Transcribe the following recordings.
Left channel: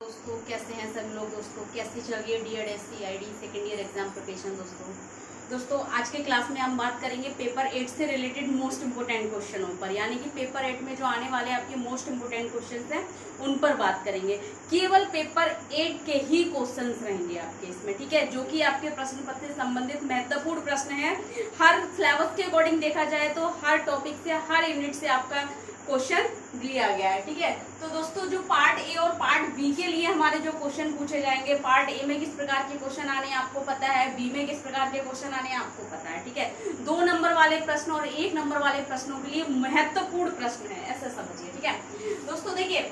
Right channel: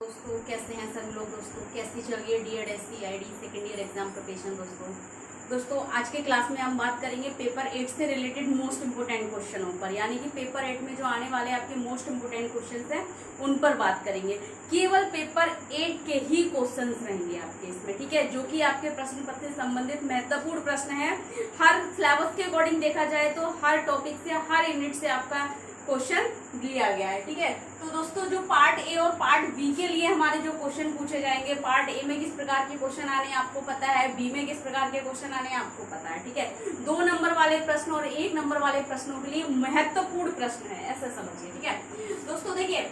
दोस्तों कैसे हैं सब लोग। दोस्तों कैसी चल रही है DED SC ID second year exam preparation. दोस्तों आज के क्लास में हम बात करेंगे पेपर 8 से रिलेटेड मोस्ट इंपोर्टेंट क्वेश्चनों पर, यानी कि पेपर 8 में जो आने वाले आपके मोस्ट इंपोर्टेंट क्वेश्चंस हैं उन पर बात करेंगे। केवल पेपर 8 के ही क्वेश्चंस रहेंगे आपके इसमें, ठीक है, जो कि आपके प्रश्न पत्र से संबंधित महत्वपूर्ण प्रश्न है। हर सिलेबस के अकॉर्डिंग देखा जाए तो हर टॉपिक से, हर यूनिट से आपका क्वेश्चन लिया गया है, ठीक है। तो दोस्तों जो पार्ट ए और पार्ट बी के लिए हमारे जो क्वेश्चन पूछे जाएंगे, पार्ट ए में किस प्रकार के क्वेश्चन आने हैं आपको पता है, बी में किस प्रकार के क्वेश्चन आने हैं आपको पता है, ठीक है। 2 नंबर वाले प्रश्न और 1 नंबर वाले प्रश्नों के लिए महत्वपूर्ण प्रश्न है, ऐसा समझिए, ठीक है। दोस्तों देखिए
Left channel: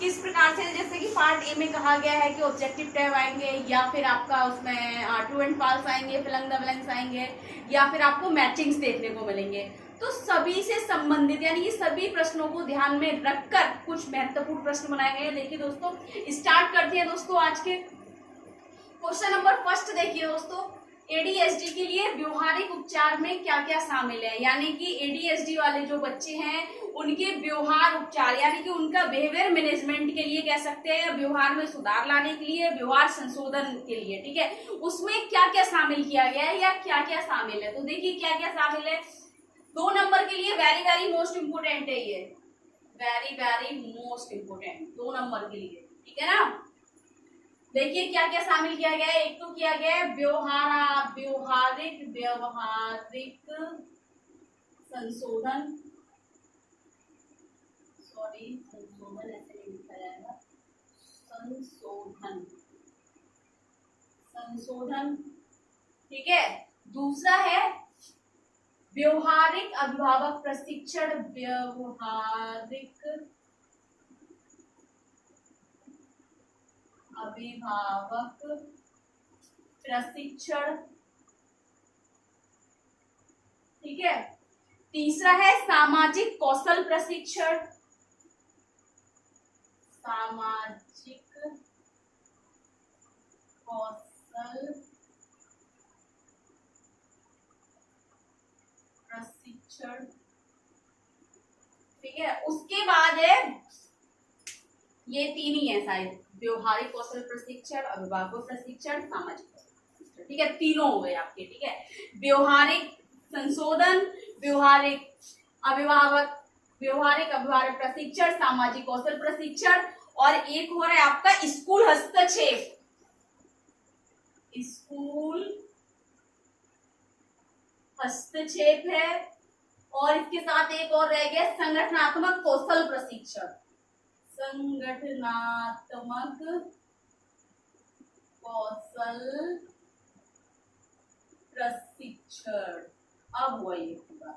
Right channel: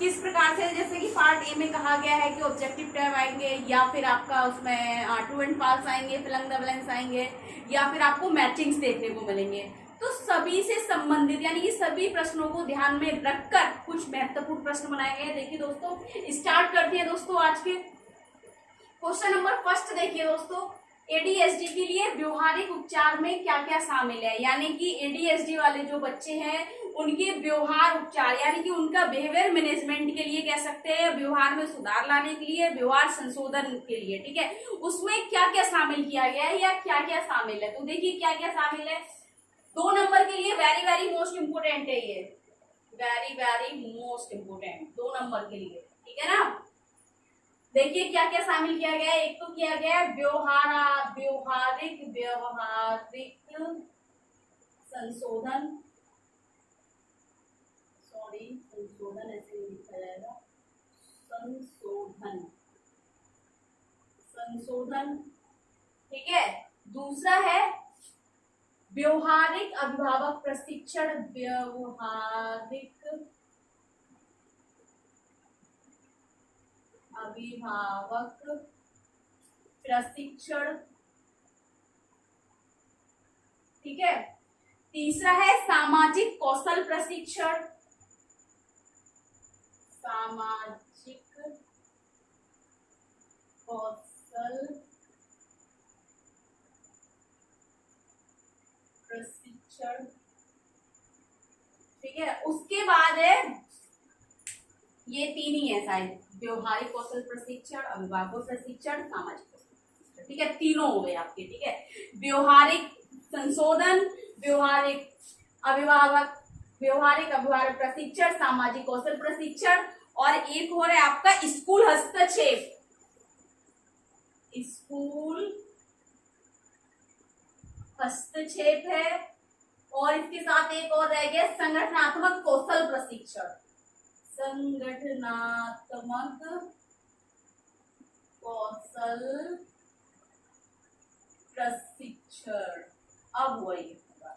किस प्रकार से, जैसे कि पार्ट ए में कहा गया है कि ऑब्जेक्टिव टैब आएंगे, या फिर आपका उसमें ट्रू एंड फॉल्स आएंगे, फिल इन द ब्लैंक्स आएंगे, या फिर आपको मैचिंग्स देखने को मिलेंगे। तो सभी से संबंधित यानी कि सभी प्रश्नों को ध्यान में रखकर कुछ महत्वपूर्ण प्रश्न बनाए गए हैं। देखिए दोस्तों स्टार्ट करते हैं दोस्तों आज के क्वेश्चन नंबर फर्स्ट। देखिए दोस्तों ADHD के लिए व्यवहारिक उपचार में क्या क्या शामिल है, यानी कि ADHD वाले जो बच्चे हैं उनके व्यवहार उपचार यानी कि उनका बिहेवियर मैनेजमेंट के लिए कह सकते हैं, व्यवहार में सुधार लाने के लिए, व्यवहार संशोधन के लिए, ठीक है, उसमें क्या क्या शामिल किया गया है या क्या क्या शामिल है। तो देखिए क्या क्या शामिल है। 2 नंबर के लिए वेरी वेरी मोस्ट इंपोर्टेंट है, ये very very most important 2 number के लिए, ठीक है ना। देखिए क्या क्या शामिल किया गया है। एक तो किया गया है व्यवहारिक संशोधन, संशोधन ऐसे नहीं लिखा जाएगा, संशोधन, ठीक है। दूसरा है व्यवहारिक अभिभावक प्रशिक्षण, व्यवहारिक अभिभावक प्रशिक्षण, ठीक है। तीसरा है सामाजिक कौशल प्रशिक्षण, सामाजिक कौशल प्रशिक्षण, ठीक है। उसके बाद है ये 3 ही है शायद, व्यवहारिक कौशल प्रशिक्षण, अभिभावक प्रशिक्षण, सामाजिक कौशल प्रशिक्षण, ठीक है, तीनों हो गए आपके, ठीक है। व्यवहारिक संशोधन, व्यवहारिक अभिभावक प्रशिक्षण, सामाजिक कौशल प्रशिक्षण, और एक हो रहा है आपका स्कूल हस्तक्षेप, स्कूल हस्तक्षेप है, और इसके साथ एक और रह गया संगठनात्मक कौशल प्रशिक्षण, संगठनात्मक कौशल प्रशिक्षण। अब हुआ ये पूरा,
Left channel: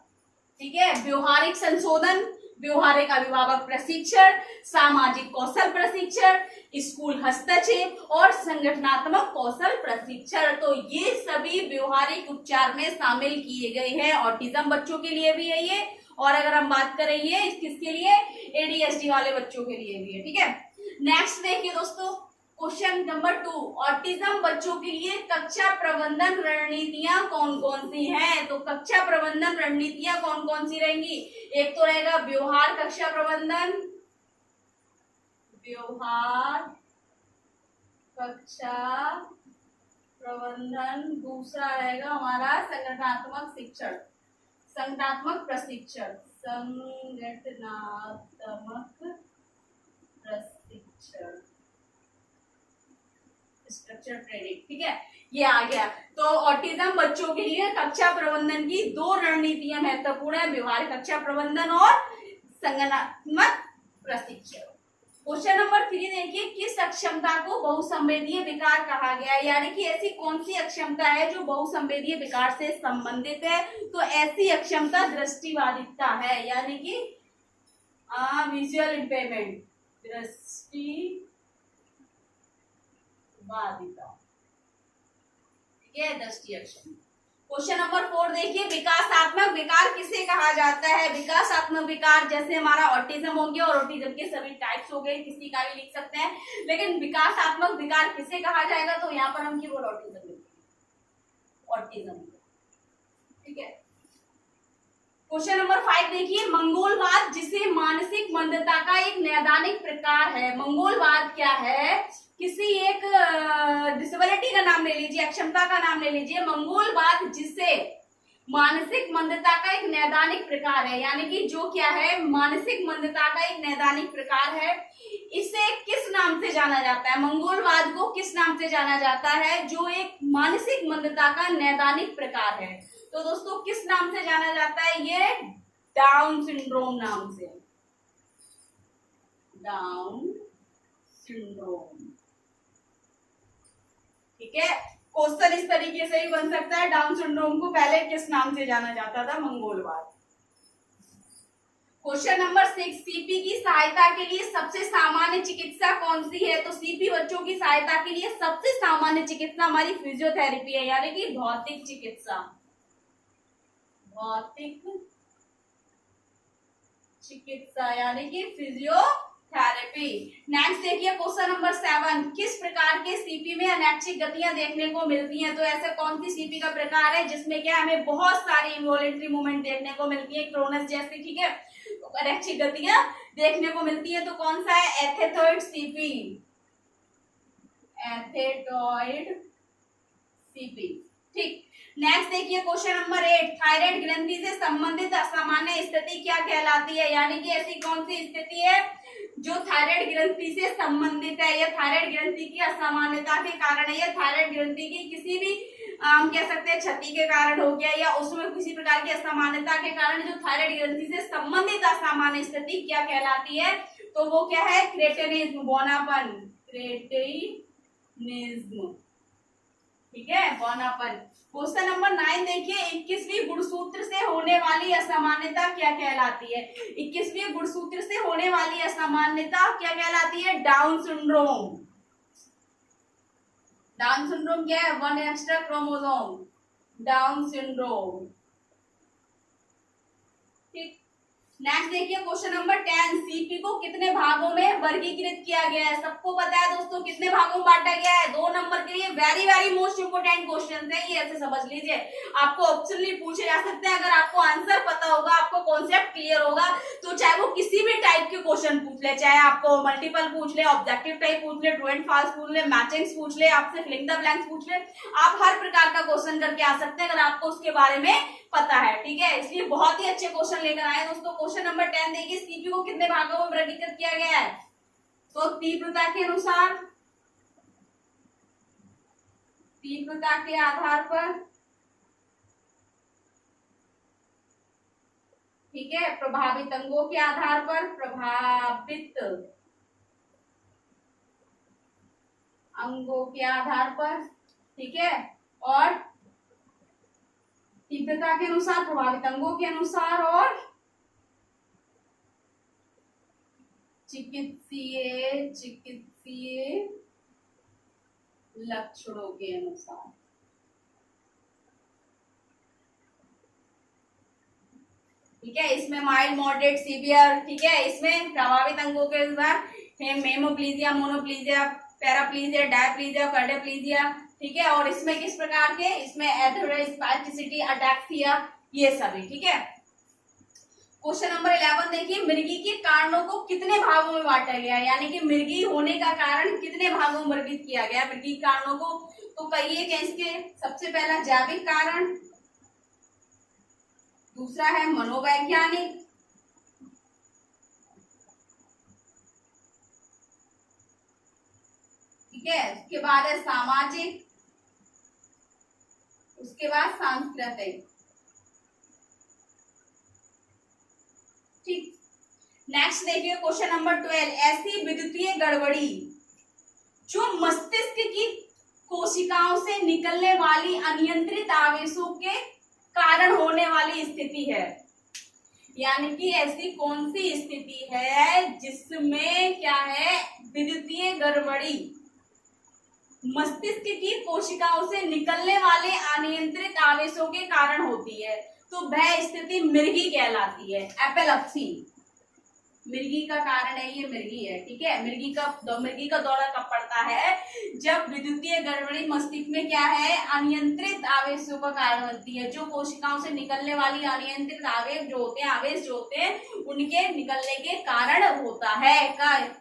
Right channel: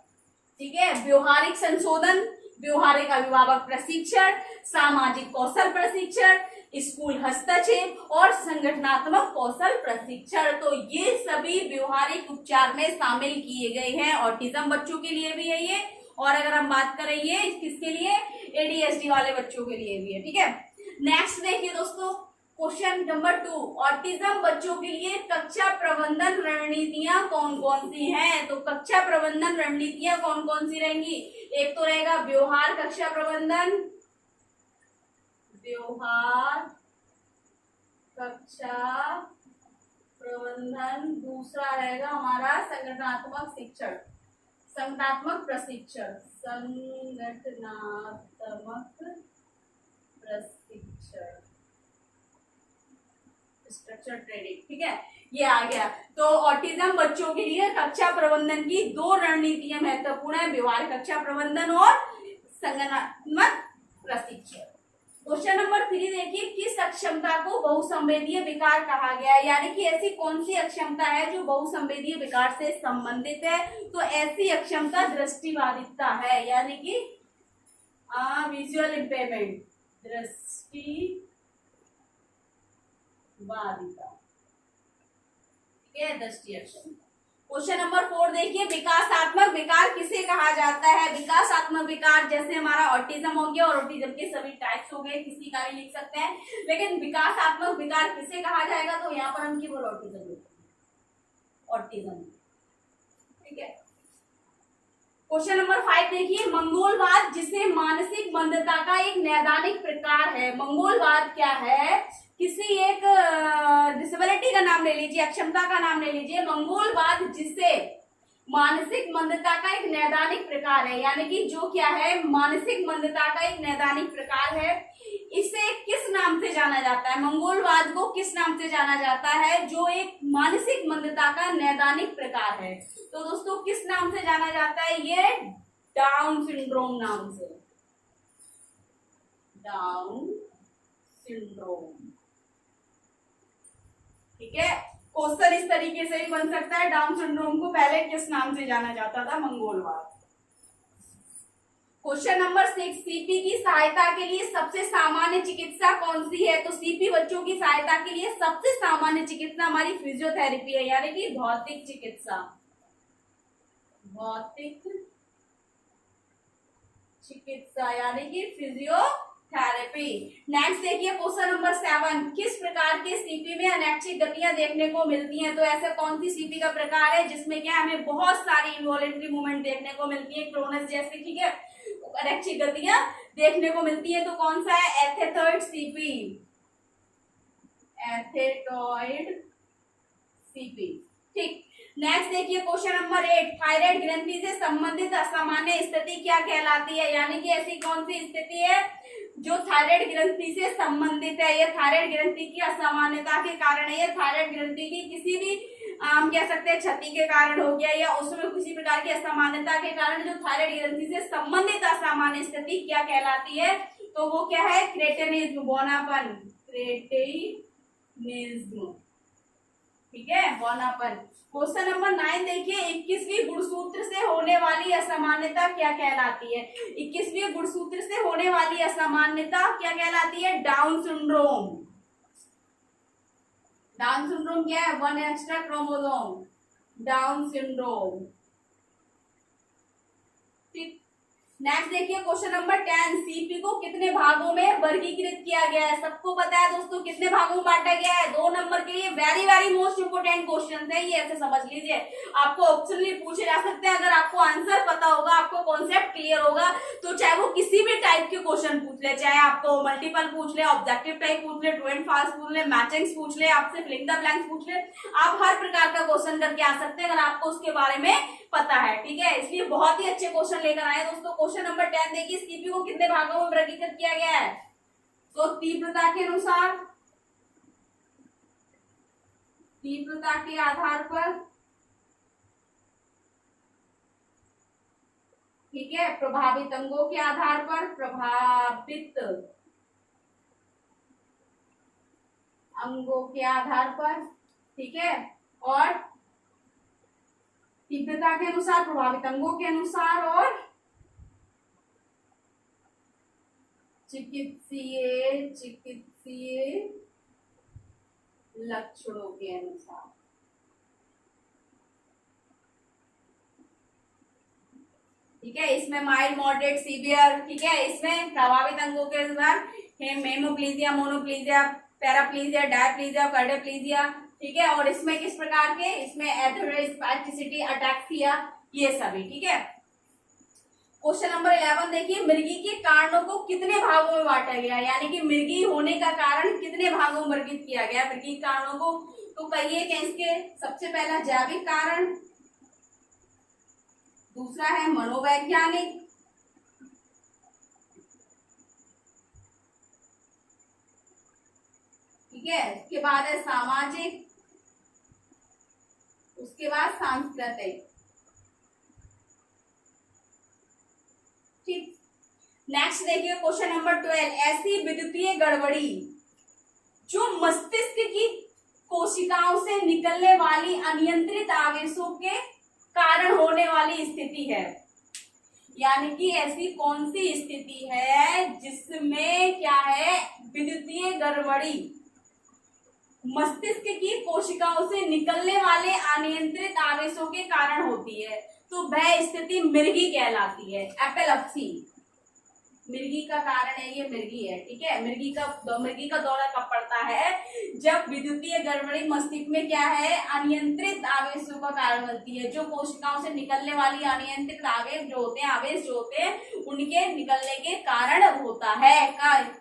ठीक है। व्यवहारिक संशोधन, व्यवहारिक अभिभावक प्रशिक्षण, सामाजिक कौशल प्रशिक्षण, स्कूल हस्तक्षेप और संगठनात्मक कौशल प्रशिक्षण। तो ये सभी व्यवहारिक उपचार में शामिल किए गए हैं। ऑटिज्म बच्चों के लिए भी है ये, और अगर हम बात करें ये किसके लिए, ADHD वाले बच्चों के लिए भी है, ठीक है। नेक्स्ट देखिए दोस्तों क्वेश्चन नंबर 2, ऑटिज्म बच्चों के लिए कक्षा प्रबंधन रणनीतियां कौन कौन सी हैं। तो कक्षा प्रबंधन रणनीतियां कौन कौन सी रहेंगी। एक तो रहेगा व्यवहार कक्षा प्रबंधन, व्यवहार कक्षा प्रबंधन। दूसरा रहेगा हमारा संगठनात्मक शिक्षण, संगठनात्मक प्रशिक्षण, संगठनात्मक प्रशिक्षण, स्ट्रक्चर ट्रेनिंग, ठीक है, ये आ गया। तो ऑटिज्म बच्चों के लिए कक्षा प्रबंधन की 2 रणनीतियां महत्वपूर्ण है, व्यवहार कक्षा प्रबंधन और संगठनात्मक प्रशिक्षण। क्वेश्चन नंबर 3 देखिए किस अक्षमता को बहुसंवेदीय विकार कहा गया है, यानी कि ऐसी कौन सी अक्षमता है जो बहुसंवेदीय विकार से संबंधित है। तो ऐसी अक्षमता दृष्टिबाधिता है, यानी कि विजुअल इम्पेयरमेंट, दृष्टिबाधिता, ठीक है, दृष्टि अक्षमता। क्वेश्चन नंबर 4 देखिए विकासात्मक विकार किसे कहा जाता है। विकासात्मक विकार जैसे हमारा ऑटिज्म हो गया, और ऑटिज्म के सभी टाइप्स हो गए, किसी का भी लिख सकते हैं, लेकिन विकासात्मक विकार किसे कहा जाएगा, तो यहाँ पर हम केवल ऑटिज्म लिखेंगे, ऑटिज्म, ठीक है। क्वेश्चन नंबर 5 देखिए मंगोलवाद जिसे मानसिक मंदता का एक नैदानिक प्रकार है। मंगोलवाद क्या है, लीजिए, अक्षमता का नाम ले लीजिए। मंगोलवाद जिसे मानसिक मंदता का एक नैदानिक प्रकार है, यानी कि जो क्या है, मानसिक मंदता का एक नैदानिक प्रकार है, इसे किस नाम से जाना जाता है? मंगोलवाद को किस नाम से जाना जाता है? जो एक मानसिक मंदता का नैदानिक प्रकार है। तो दोस्तों किस नाम से जाना जाता है? ये डाउन सिंड्रोम नाम से, डाउन सिंड्रोम। ठीक है, क्वेश्चन इस तरीके से ही बन सकता है, डाउन सिंड्रोम को पहले किस नाम से जाना जाता था? मंगोलवाद। क्वेश्चन नंबर 6, सीपी की सहायता के लिए सबसे सामान्य चिकित्सा कौन सी है? तो सीपी बच्चों की सहायता के लिए सबसे सामान्य चिकित्सा हमारी फिजियोथेरेपी है, यानी कि भौतिक चिकित्सा, भौतिक चिकित्सा यानी कि फिजियोथेरेपी। नेक्स्ट देखिए क्वेश्चन नंबर 7, किस प्रकार के सीपी में अनैच्छिक गतियां देखने को मिलती हैं? तो ऐसे कौन सी सीपी का प्रकार है जिसमें क्या हमें बहुत सारी इनवॉलेंटरी मूवमेंट देखने को मिलती है, क्रोनस जैसे, ठीक है, अनैच्छिक गतियां देखने को मिलती है? तो कौन सा है? एथेटॉइड सीपी, एथेटॉइड सीपी। ठीक, नेक्स्ट देखिए क्वेश्चन नंबर 8, थायराइड ग्रंथि से संबंधित असामान्य स्थिति क्या कहलाती है? यानी कि ऐसी कौन सी स्थिति है जो थायराइड ग्रंथि से संबंधित है? यह थायराइड ग्रंथि की असामान्यता के कारण है, या थायराइड ग्रंथि की किसी भी हम कह सकते हैं क्षति के कारण हो गया, या उसमें किसी प्रकार की असामान्यता के कारण जो थायराइड ग्रंथि से संबंधित असामान्य स्थिति क्या कहलाती है? तो वो क्या है? क्रेटेनिज्म, बौनापन, क्रेटेनिज्म। ठीक है, बौनापन। क्वेश्चन नंबर 9 देखिए, 21वीं गुणसूत्र से होने वाली असामान्यता क्या कहलाती है? 21वीं गुणसूत्र से होने वाली असामान्यता क्या कहलाती है? Down syndrome. डाउन सिंड्रोम क्या है? 1 एक्स्ट्रा क्रोमोसोम, डाउन सिंड्रोम। ठीक, नेक्स्ट देखिए क्वेश्चन नंबर 10, सीपी को कितने भागों में वर्गीकृत किया गया है? सबको पता है दोस्तों कितने भागों में बांटा गया है? 2 नंबर के लिए very very most important question है ये, ऐसे समझ लीजिए। आपको ऑप्शनली पूछे जा सकते हैं, अगर आपको आंसर पता होगा, आपको कॉन्सेप्ट क्लियर होगा, तो चाहे वो किसी भी टाइप के क्वेश्चन पूछ ले, चाहे आपको मल्टीपल पूछ ले, ऑब्जेक्टिव टाइप पूछ ले, ट्रू एंड फॉल्स पूछ ले, मैचिंग्स पूछ ले, आपसे फिलिंग द ब्लैंक्स पूछ ले, आप हर प्रकार का क्वेश्चन करके आ सकते हैं अगर आपको उसके बारे में पता है। ठीक है, इसलिए बहुत ही अच्छे क्वेश्चन लेकर आए दोस्तों। क्वेश्चन नंबर 10 देखिए, सीपी को कितने भागों में वर्गीकृत किया गया है? तो तीव्रता के अनुसार, तीव्रता के आधार पर, ठीक है, प्रभावित अंगों के आधार पर, प्रभावित अंगों के आधार पर, ठीक है, और तीव्रता के अनुसार, प्रभावित अंगों के अनुसार, और चिकित्सीय लक्षणों के अनुसार। ठीक है, इसमें माइल्ड, मॉडरेट, सीवियर, ठीक है, इसमें प्रभावित अंगों के अनुसार हेमोप्लीजिया, मोनोप्लीजिया, पैराप्लीजिया, डायप्लीजिया, कार्डियोप्लीजिया, ठीक है, और इसमें किस प्रकार के? इसमें एथेरोस्पास्टिसिटी, अटैक्सिया, ये सभी। ठीक है, क्वेश्चन नंबर 11 देखिए, मृगी के कारणों को कितने भागों में बांटा गया? यानी कि मृगी होने का कारण कितने भागों में वर्गीकृत किया गया मृगी कारणों को? तो कहिए क्या इसके? सबसे पहला जैविक कारण, दूसरा है मनोवैज्ञानिक, ठीक है, उसके बाद है सामाजिक, उसके बाद सांस्कृतिक। ठीक, नेक्स्ट देखिए क्वेश्चन नंबर 12, ऐसी विद्युतीय गड़बड़ी जो मस्तिष्क की कोशिकाओं से निकलने वाली अनियंत्रित आवेशों के कारण होने वाली स्थिति है। यानी कि ऐसी कौन सी स्थिति है जिसमें क्या है? विद्युतीय गड़बड़ी मस्तिष्क की कोशिकाओं से निकलने वाले अनियंत्रित आवेशों के कारण होती है, तो वह स्थिति मृगी कहलाती है, एपिलेप्सी। मिर्गी का कारण है, ये मिर्गी है, ठीक है। मिर्गी का दौरा कब पड़ता है? जब विद्युतीय गड़बड़ी मस्तिष्क में क्या है, अनियंत्रित आवेशों का कारण बनती है। जो कोशिकाओं से निकलने वाली अनियंत्रित आवेश जो होते हैं उनके निकलने के कारण होता है।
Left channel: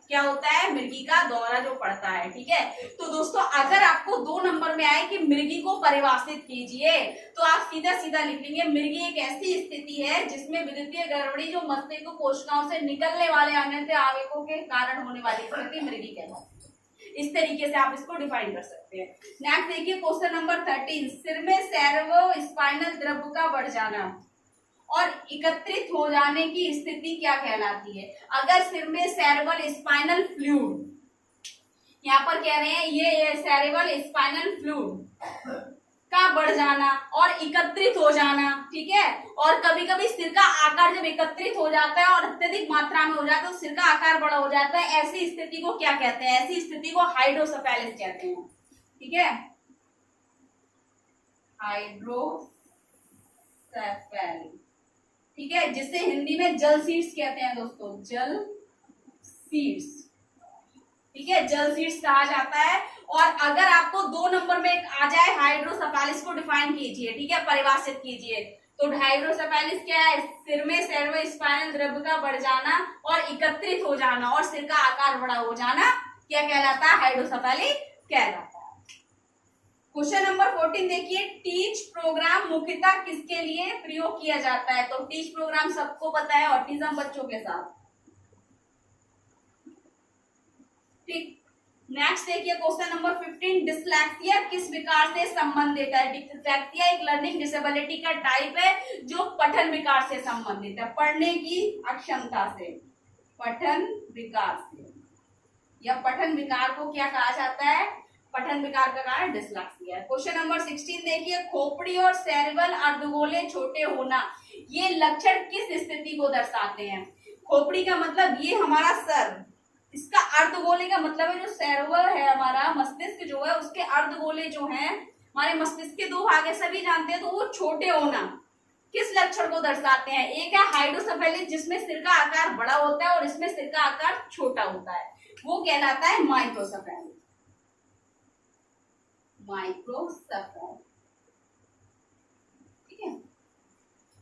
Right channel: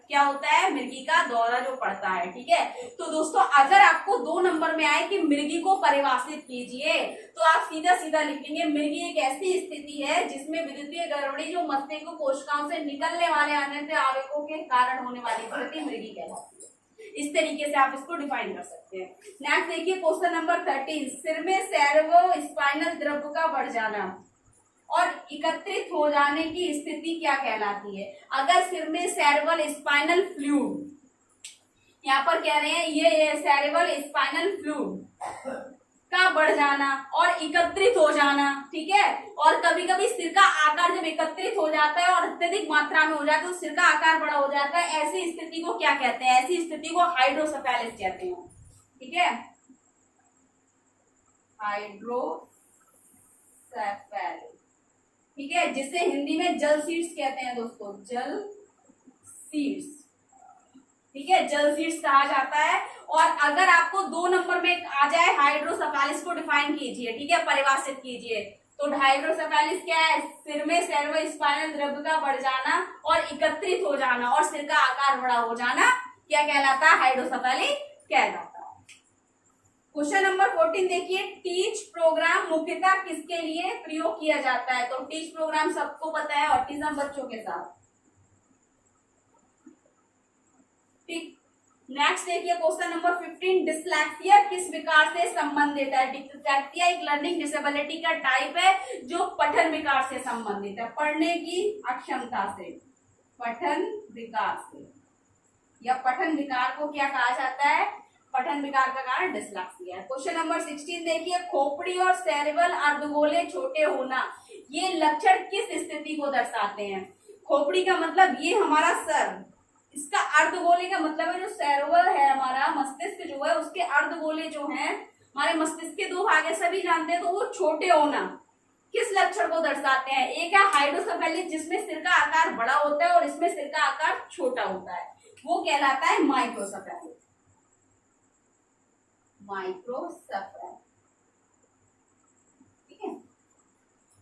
क्या होता है? मिर्गी का दौरा जो पड़ता है, ठीक है। तो दोस्तों अगर आपको 2 नंबर में आए कि मिर्गी को परिभाषित कीजिए, तो आप सीधा सीधा लिख लेंगे मिर्गी एक ऐसी स्थिति है जिसमें विद्युतीय गड़बड़ी जो मस्तिष्क कोशिकाओं से निकलने वाले अनियंत्रित आवेशों के कारण होने वाली स्थिति मिर्गी कहलाती है। इस तरीके से आप इसको डिफाइन कर सकते हैं। नेक्स्ट देखिए क्वेश्चन नंबर 13, सिर में सेरेब्रो स्पाइनल द्रव्य का बढ़ जाना और एकत्रित हो जाने की स्थिति क्या कहलाती है? अगर सिर में सेरेब्रल स्पाइनल फ्लूइड, यहाँ पर कह रहे हैं ये सेरेब्रल स्पाइनल फ्लूइड का बढ़ जाना और एकत्रित हो जाना, ठीक है। और कभी कभी सिर का आकार जब एकत्रित हो जाता है और अत्यधिक मात्रा में हो जाता है तो सिर का आकार बड़ा हो जाता है, ऐसी स्थिति को क्या कहते हैं? ऐसी स्थिति को हाइड्रोसेफेलिस कहते हैं, ठीक है। हाइड्रोसेफेलिस, ठीक है, जिसे हिंदी में जल सीड्स कहते हैं दोस्तों, जल सीड्स, ठीक है, जल सीड्स कहा जाता है। और अगर आपको 2 नंबर में आ जाए हाइड्रोसेफेलिस को डिफाइन कीजिए, ठीक है, परिभाषित कीजिए। तो हाइड्रोसेफेलिस क्या है? सिर में सेरेब्रो स्पाइनल द्रव्य का बढ़ जाना और एकत्रित हो जाना और सिर का आकार बड़ा हो जाना क्या कहलाता है? हाइड्रोसेफेलिस कहलाता है। क्वेश्चन नंबर 14 देखिए, टीच प्रोग्राम मुख्यतः किसके लिए प्रयोग किया जाता है? तो टीच प्रोग्राम सबको पता है, ऑटिज्म बच्चों के साथ, ठीक। नेक्स्ट देखिए क्वेश्चन नंबर 15, डिस्लेक्सिया किस विकार से संबंधित है? डिस्लेक्सिया एक लर्निंग डिसेबिलिटी का टाइप है जो पठन विकार से संबंधित है, पढ़ने की अक्षमता से, पठन विकार से, या पठन विकार को क्या कहा जाता है? पठन विकार का कारण डिस्लेक्सिया है। क्वेश्चन नंबर 16 देखिए, खोपड़ी और सेरेब्रल अर्धगोले छोटे होना, ये लक्षण किस स्थिति को दर्शाते हैं? खोपड़ी का मतलब ये हमारा सर, इसका अर्धगोले का मतलब है जो सेरेब्रल है हमारा मस्तिष्क जो है उसके अर्धगोले जो हैं हमारे मस्तिष्क के 2 भाग है, सभी जानते हैं, तो वो छोटे होना किस लक्षण को दर्शाते हैं? एक है हाइड्रोसेफेलिस जिसमें सिर का आकार बड़ा होता है और इसमें सिर का आकार छोटा होता है, वो कहलाता है माइक्रोसेफेलिस, माइक्रोसेफेलिस, ठीक है।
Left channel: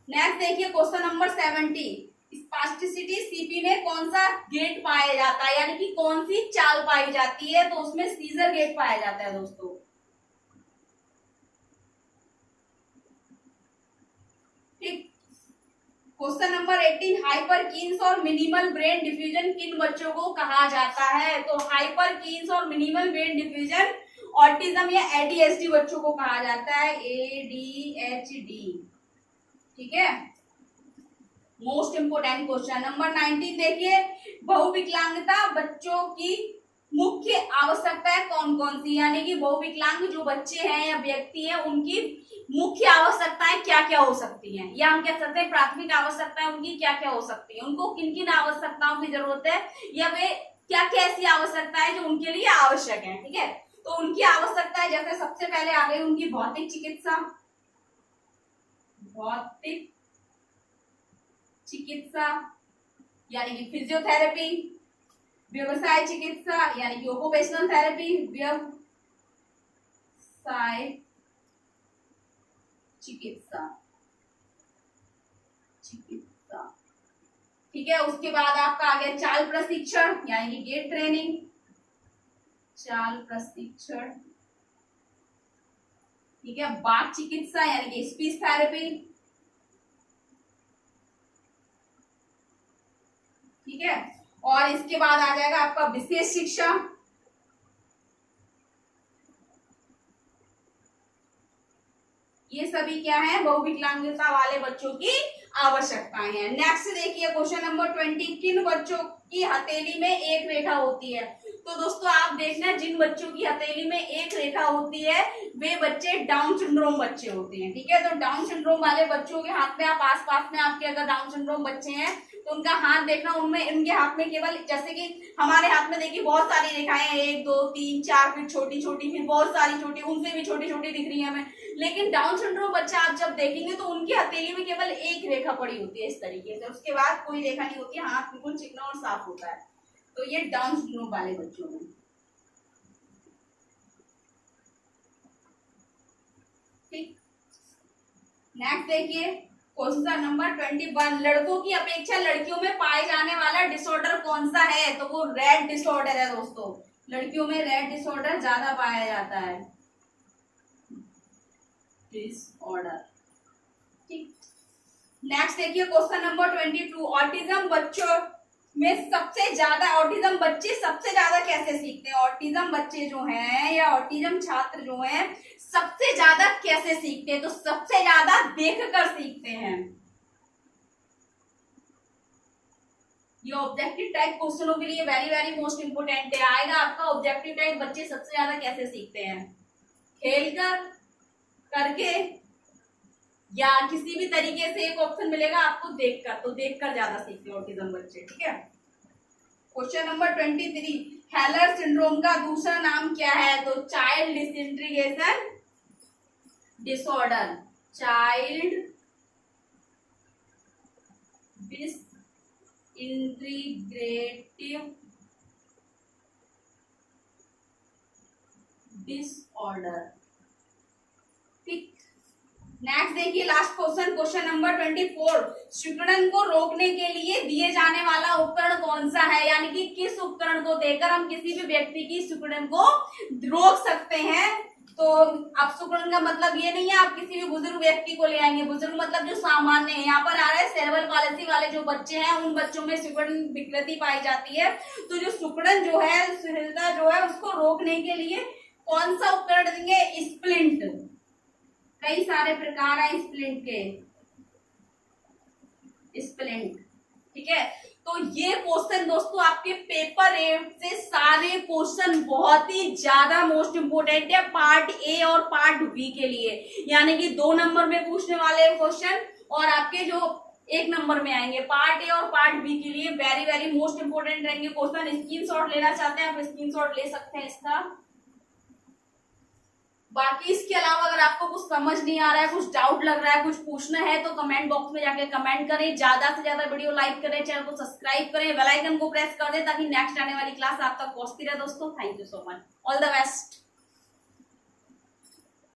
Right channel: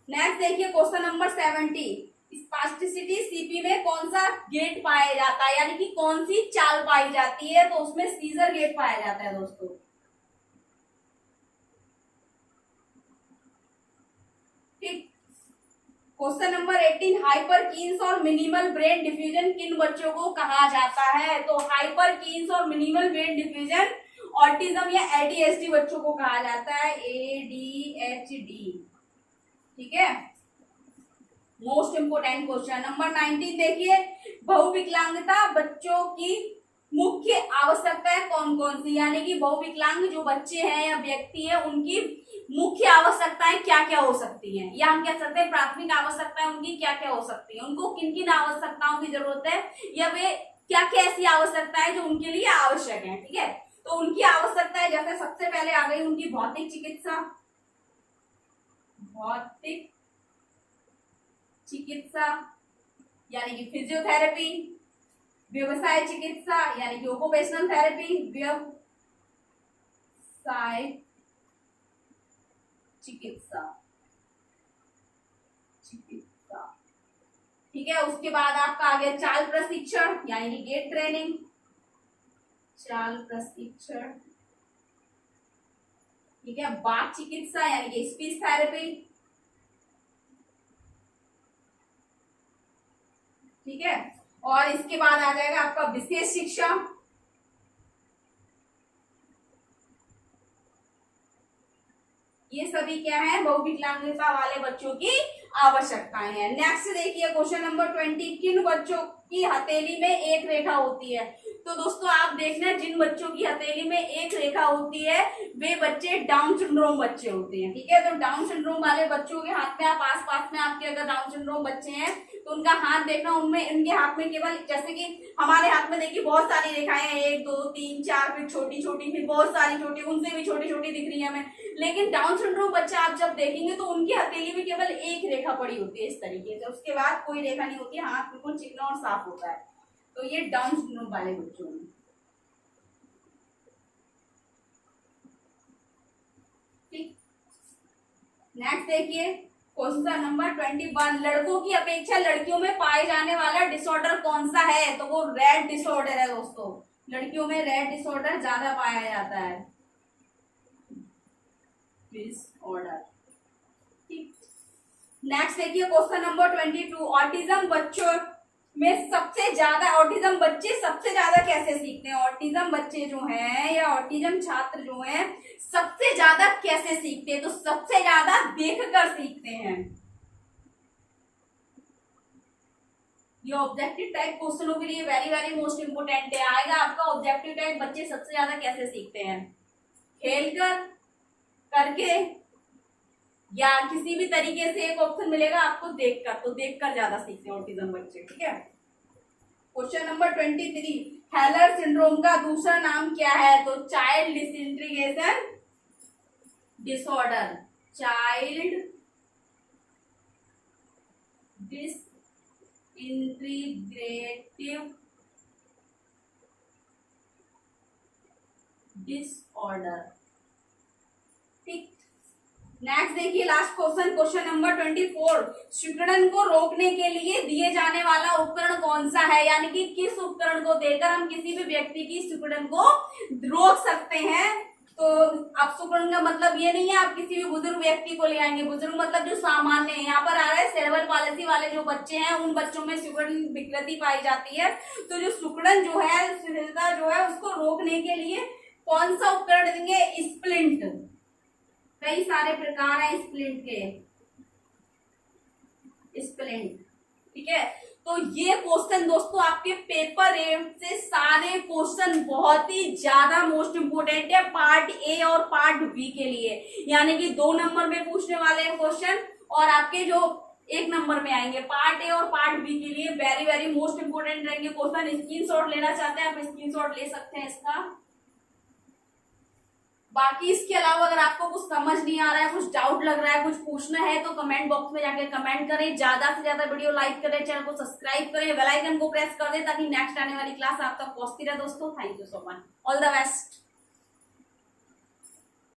नेक्स्ट देखिए क्वेश्चन नंबर 17, स्पास्टिसिटी सीपी में कौन सा गेट पाया जाता है, यानी कि कौन सी चाल पाई जाती है? तो उसमें सीजर गेट पाया जाता है दोस्तों, ठीक। क्वेश्चन नंबर 18, हाइपरकीन्स और मिनिमल ब्रेन डिफ्यूजन किन बच्चों को कहा जाता है? तो हाइपरकीन्स और मिनिमल ब्रेन डिफ्यूजन ऑटिज्म या एडीएचडी बच्चों को कहा जाता है, एडीएचडी, ठीक है। मोस्ट इंपोर्टेंट क्वेश्चन नंबर 19 देखिए, बहुविकलांगता बच्चों की मुख्य आवश्यकताएं कौन कौन सी, यानी कि बहुविकलांग जो बच्चे हैं या व्यक्ति हैं उनकी मुख्य आवश्यकताएं क्या क्या हो सकती हैं, या हम कह सकते हैं प्राथमिक आवश्यकताएं उनकी क्या क्या हो सकती हैं, उनको किन किन आवश्यकताओं की जरूरत है, या वे क्या क्या ऐसी आवश्यकताएं जो उनके लिए आवश्यक है, ठीक है। तो उनकी आवश्यकताएं जैसे सबसे पहले आ गई उनकी भौतिक चिकित्सा, भौतिक चिकित्सा यानी कि फिजियोथेरेपी, व्यवसाय चिकित्सा यानी कि ऑक्यूपेशनल थेरेपी, व्यवसाय चिकित्सा, चिकित्सा, ठीक है। उसके बाद आपका आ गया चाल प्रशिक्षण यानी कि गेट ट्रेनिंग, चाल प्रशिक्षण, ठीक है। बात चिकित्सा यानी कि स्पीच थेरेपी, ठीक है। और इसके बाद आ जाएगा आपका विशेष शिक्षा, ये सभी क्या है बहुविकलांगता वाले बच्चों की आवश्यकताएं हैं। नेक्स्ट देखिए क्वेश्चन नंबर 20, किन बच्चों की हथेली में एक रेखा होती है? तो दोस्तों आप देखना जिन बच्चों की हथेली में एक रेखा होती है वे बच्चे डाउन सिंड्रोम बच्चे होते हैं, ठीक है। तो डाउन सिंड्रोम वाले बच्चों के हाथ में आप आस पास में आपके अगर डाउन सिंड्रोम बच्चे हैं तो उनका हाथ देखना, उनमें उनके हाथ में केवल, जैसे कि हमारे हाथ में देखिए बहुत सारी रेखाएं हैं, 1 2 3 4, फिर छोटी छोटी, फिर बहुत सारी छोटी, उनसे भी छोटी छोटी दिख रही है हमें। लेकिन डाउन सिंड्रोम बच्चा आप जब देखेंगे तो उनकी हथेली में केवल एक रेखा पड़ी होती है इस तरीके से, उसके बाद कोई रेखा नहीं होती है, हाथ बिल्कुल चिकना और साफ होता है। तो ये डाउन सिंड्रोम वाले बच्चों में। ठीक, नेक्स्ट देखिए क्वेश्चन नंबर 21, लड़कों की अपेक्षा लड़कियों में पाए जाने वाला डिसऑर्डर कौन सा है? तो वो रेड डिसऑर्डर है दोस्तों, लड़कियों में रेड डिसऑर्डर ज्यादा पाया जाता है, डिसऑर्डर। ठीक, नेक्स्ट देखिए क्वेश्चन नंबर 22, ऑटिज्म बच्चों में सबसे ज्यादा, ऑटिज्म बच्चे सबसे ज्यादा कैसे सीखते हैं? ऑटिज्म बच्चे जो हैं या ऑटिज्म छात्र जो हैं सबसे ज्यादा कैसे सीखते हैं? तो सबसे ज्यादा देखकर सीखते हैं। ये ऑब्जेक्टिव टाइप क्वेश्चनों के लिए वेरी वेरी मोस्ट इंपोर्टेंट है, आएगा आपका ऑब्जेक्टिव टाइप बच्चे सबसे ज्यादा कैसे सीखते हैं? खेलकर, करके, या किसी भी तरीके से एक ऑप्शन मिलेगा आपको देखकर, तो देखकर ज्यादा सीखते हैं ऑटिज्म बच्चे। ठीक है, क्वेश्चन नंबर 23, हेलर सिंड्रोम का दूसरा नाम क्या है? तो child disintegration disorder, child disintegrative disorder. ठीक, नेक्स्ट देखिए लास्ट क्वेश्चन, क्वेश्चन नंबर 24, सिकुड़न को रोकने के लिए दिए जाने वाला उपकरण कौन सा है? यानी कि किस उपकरण को देकर हम किसी भी व्यक्ति की सिकुड़न को रोक सकते हैं? तो अब सिकुड़न का मतलब ये नहीं है आप किसी भी बुजुर्ग व्यक्ति को ले आएंगे, बुजुर्ग मतलब जो सामान्य है, यहाँ पर आ रहा है सेरेब्रल पालिसी वाले जो बच्चे हैं उन बच्चों में सिकुड़न विकृति पाई जाती है। तो जो सिकुड़न जो है, शिथिलता जो है, उसको रोकने के लिए कौन सा उपकरण देंगे? स्प्लिंट, कई सारे प्रकार हैं स्प्लिंट के, स्प्लिंट। ठीक है, तो ये क्वेश्चन दोस्तों आपके पेपर 8 से सारे क्वेश्चन बहुत ही ज्यादा मोस्ट इंपोर्टेंट है पार्ट ए और पार्ट बी के लिए, यानी कि 2 नंबर में पूछने वाले क्वेश्चन और आपके जो 1 नंबर में आएंगे पार्ट ए और पार्ट बी के लिए वेरी वेरी मोस्ट इंपोर्टेंट रहेंगे क्वेश्चन। स्क्रीनशॉट लेना चाहते हैं आप स्क्रीनशॉट ले सकते हैं इसका। बाकी इसके अलावा अगर आपको कुछ समझ नहीं आ रहा है, कुछ डाउट लग रहा है, कुछ पूछना है तो कमेंट बॉक्स में जाके कमेंट करें, ज्यादा से ज्यादा वीडियो लाइक करें, चैनल को सब्सक्राइब करें, बेल आइकन को प्रेस कर दें ताकि नेक्स्ट आने वाली क्लास आप तक पहुंचती रहे दोस्तों। Thank you so much, all the best.